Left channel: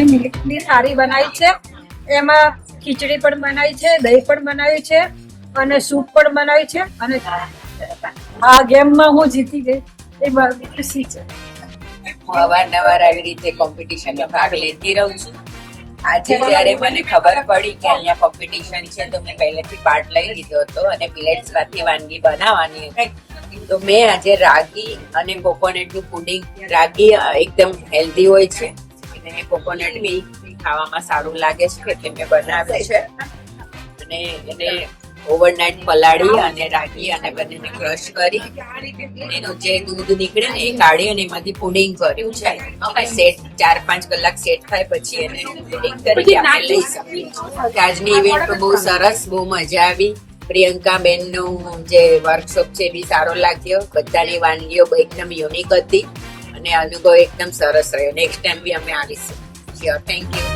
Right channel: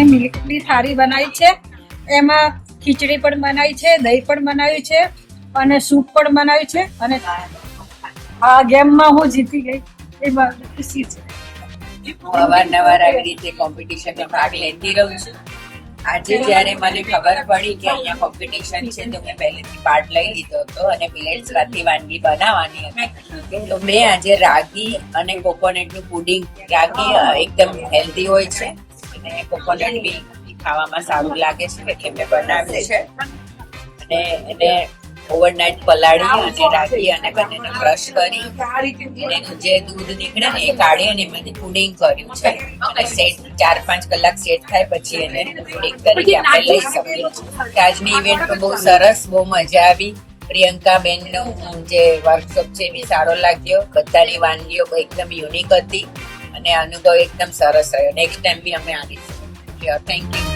મેં મિલ્કની થાળી બનાવી છે. એમાં ખીચડી પણ બનાવી છે, દહીં પણ બનાવ્યું છે અને સૂપ પણ બનાવ્યું છે. અને આ ગેમમાં હું જીતી ગઈ એ મારી ખુશી છે. હું અવારનવાર આવી રીતે કોમ્પિટિશનમાં ભાગ લેતી રહું છું. આજે જ્યારે મને ખબર પડી કે અહીંયા કોમ્પિટિશન છે તો મેં પહેલેથી પાર્ટ લઈ લીધો હતો અને મિલેટ્સ રાતી વાનગી બનાવવાની હતી. તો મેં આજે રાગી અને કોકોનટનું પુડિંગ, રાગી એકદમ હેલ્ધી હોય છે અને કોકોનટ બી ખાવામાં સારું લાગે છે એટલે મેં બનાવ્યું છે. અને એને ઓવરનાઇટ પલાળી અને રાગી અને બંનેને ક્રશ કરી એનું જે દૂધ નીકળે ને એ કાઢી અને એમાંથી પુડિંગ કર્યું છે. સેટ 4-5 કલાક સેટ થાય પછી એને પુડિંગ તરીકે આપણે લઈ શકીએ. આજની ઇવેન્ટ તો બહુ સરસ, બહુ મજા આવી. પ્રિયંકા બેનનો જે વર્કશોપ છે એ બી સારો લાગ્યો. બધાની વાનગીઓ એકદમ યુનિક હતી અને અનુભવ એકદમ સરસ રહ્યો. નેક્સ્ટ ટાઈમ બી અમે આવીશું. Thank you.